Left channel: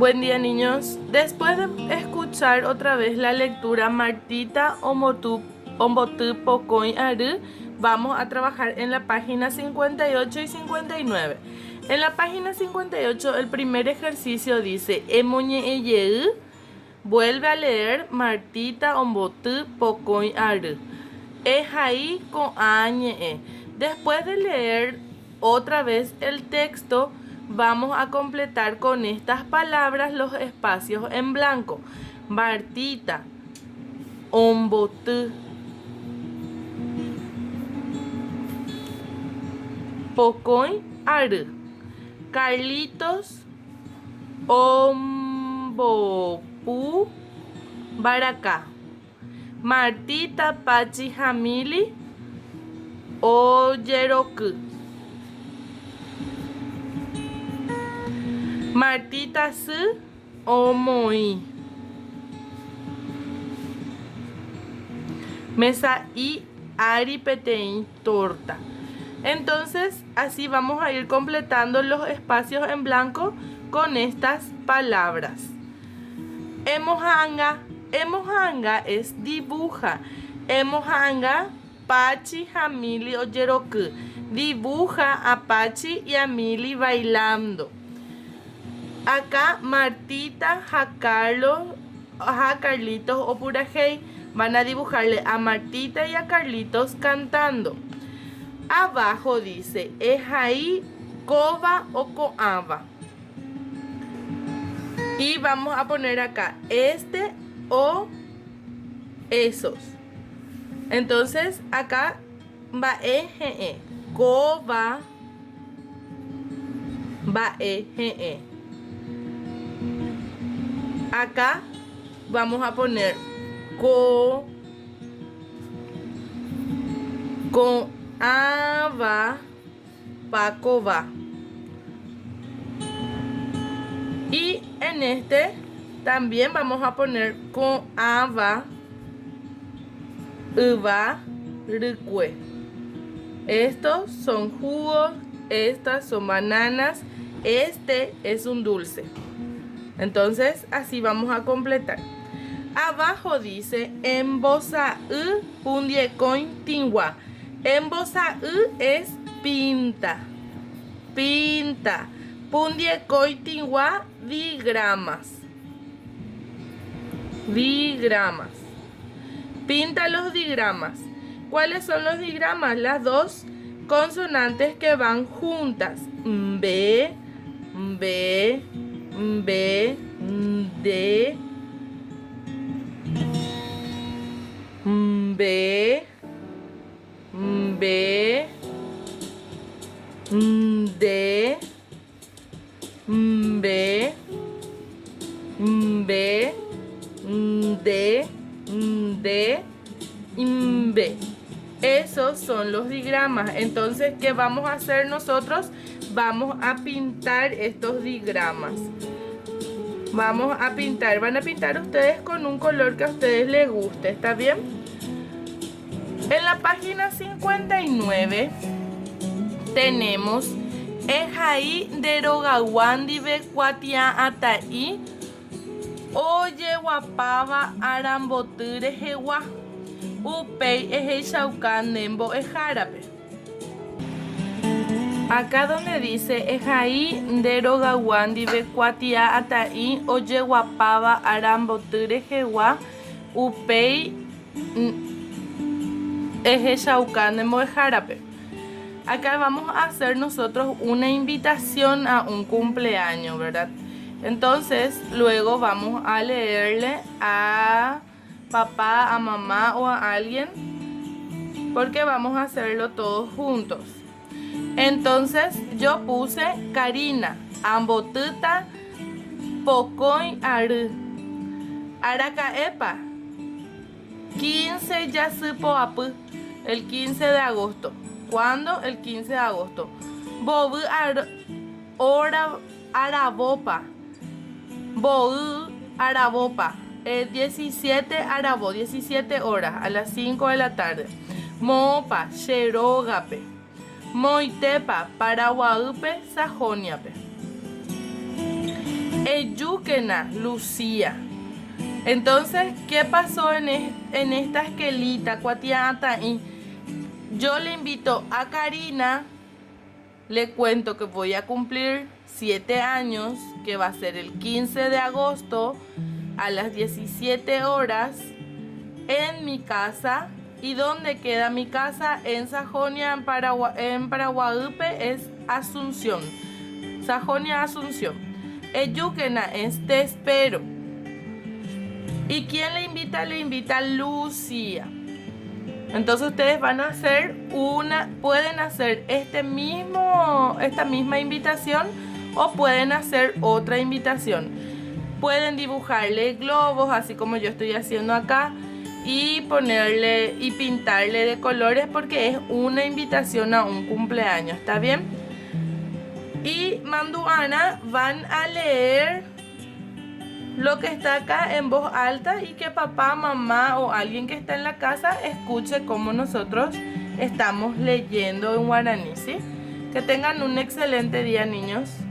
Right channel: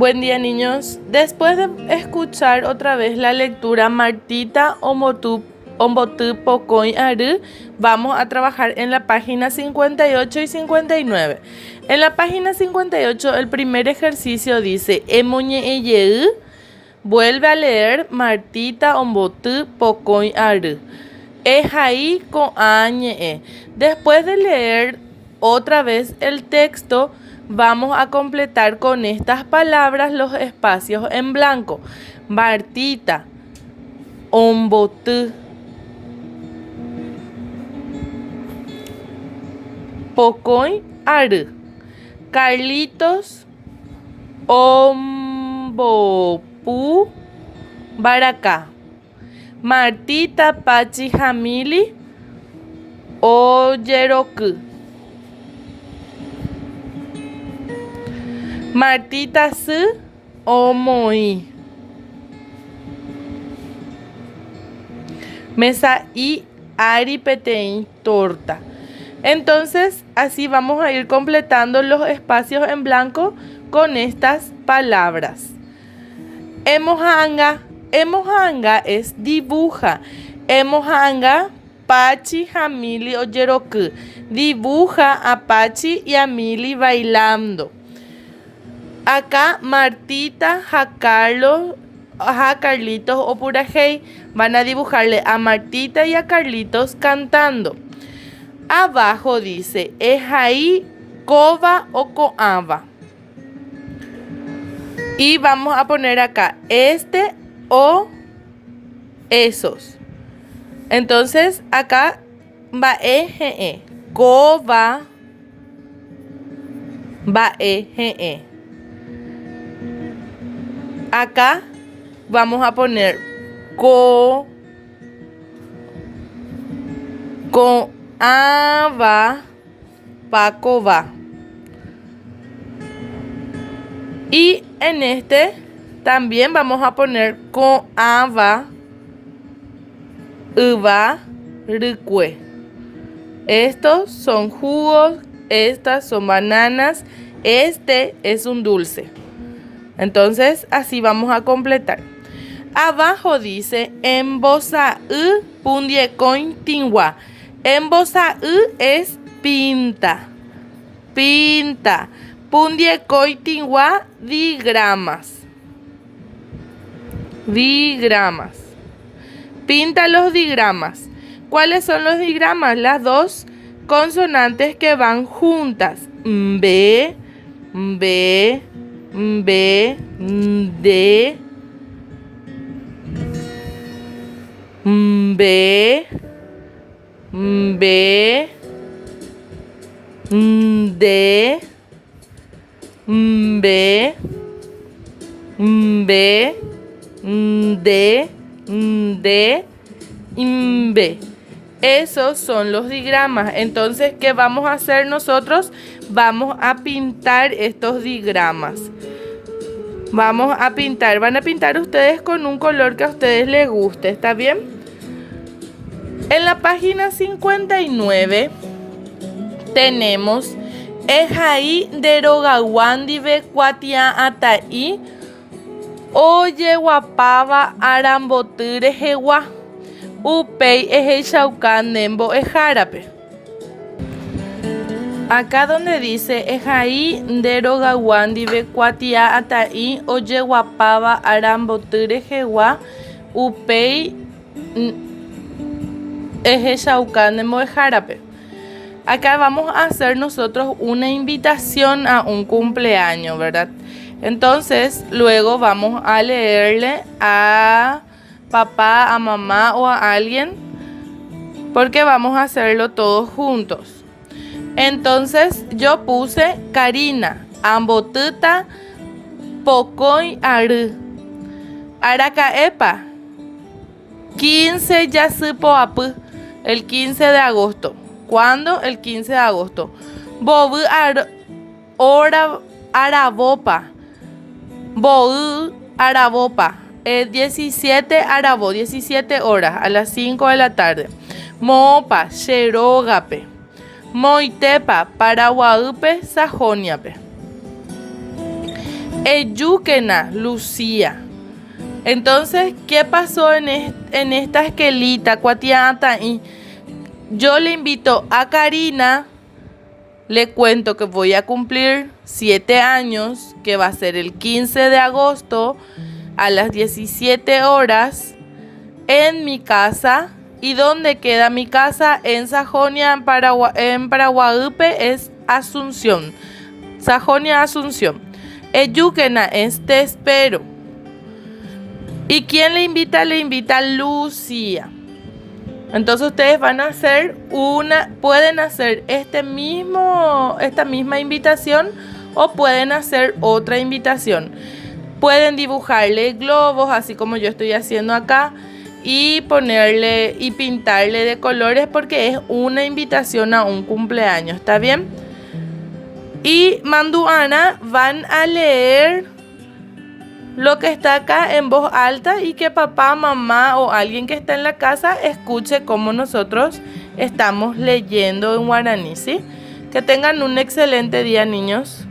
Buen día, niños. Después de escuchar otra vez la lectura Martita Ombotu Pocoy Aru, vamos a trabajar en la página 58 y 59. En la página 58, el primer ejercicio dice Emoñe Eyeu. Vuelve a leer Martita Ombotu Pocoy Aru. Ejaí con añe. Después de leer otra vez el texto, vamos a completar con estas palabras los espacios en blanco. Martita, Ombotu, Pocoy Aru. Carlitos, Ombopu, Baracá. Martita Pachi Jamili Oyeroku. Martita Su Omoi. Mesa y Ari Petein Torta. Entonces, así vamos a ir completando los espacios en blanco con estas palabras. Emohanga. Emohanga es dibuja. Emohanga Pachi, Jamili o Yeroku. Dibuja a Pachi y a Mili bailando. Acá Martita, Carlitos o Purajei van a dibujarle a Martita y a Carlitos cantando. Abajo dice Ejaí, Coba o Coaba. Y vamos a poner acá este o esos. Entonces acá va eje, coba, va eje. Acá vamos a poner ava, pacoba. Y en este también vamos a poner ava, uva, ricue. Estos son jugos, estas son bananas, este es un dulce. Entonces así vamos a completar. Abajo dice embosa pundiecoin tingua. Embosa es pinta. Pinta. Pundiecoin tingua digramas. Digramas. Pinta los digramas. ¿Cuáles son los digramas? Las dos consonantes que van juntas. B, B, B, D, B, B, D, B, B, D, D, B. Esos son los digramas. Entonces, ¿qué vamos a hacer nosotros? Vamos a pintar estos digramas. Vamos a pintar. Van a pintar ustedes con un color que a ustedes les guste. ¿Está bien? En la página 59 tenemos Ejaí derogawandive cuatia atai oye guapaba arambotire jewa upei ejechaucan nembo ejarape. Acá donde dice Ejaí derogawandive cuatia atai oye guapaba arambotire jewa upei ejechaucan nembo ejarape. Acá vamos a hacer nosotros una invitación a un cumpleaños, ¿verdad? Entonces, luego vamos a leerle a papá, a mamá o a alguien, porque vamos a hacerlo todos juntos. Entonces, yo puse Karina, Ambotuta, Pocoy Aru, Aracaepa, 15 Yasupoapu, el 15 de agosto. ¿Cuándo? El 15 de agosto. Bobu Arabopa. Bobu Arabopa. 17 Arabo, 17 horas, a las 5 de la tarde. Mopa, Xerogape. Moitepa, Paraguaupe, Sajoniape. Eyúquena, Lucía. Entonces, ¿qué pasó en esta esquelita, cuatiata? Y yo le invito a Karina, le cuento que voy a cumplir 7 años, que va a ser el 15 de agosto a las 17 horas en mi casa. ¿Y dónde queda mi casa? En Sajonia, en Paraguahuipe, es Asunción. Sajonia, Asunción. Eyúquena es te espero. ¿Y quién le invita? Le invita Lucía. Entonces ustedes van a hacer pueden hacer esta misma invitación o pueden hacer otra invitación. Pueden dibujarle globos, así como yo estoy haciendo acá, y ponerle y pintarle de colores porque es una invitación a un cumpleaños, ¿está bien? Y Manduana van a leer lo que está acá en voz alta y que papá, mamá o alguien que está en la casa escuche cómo nosotros estamos leyendo en guaraní, ¿sí? Que tengan un excelente día, niños.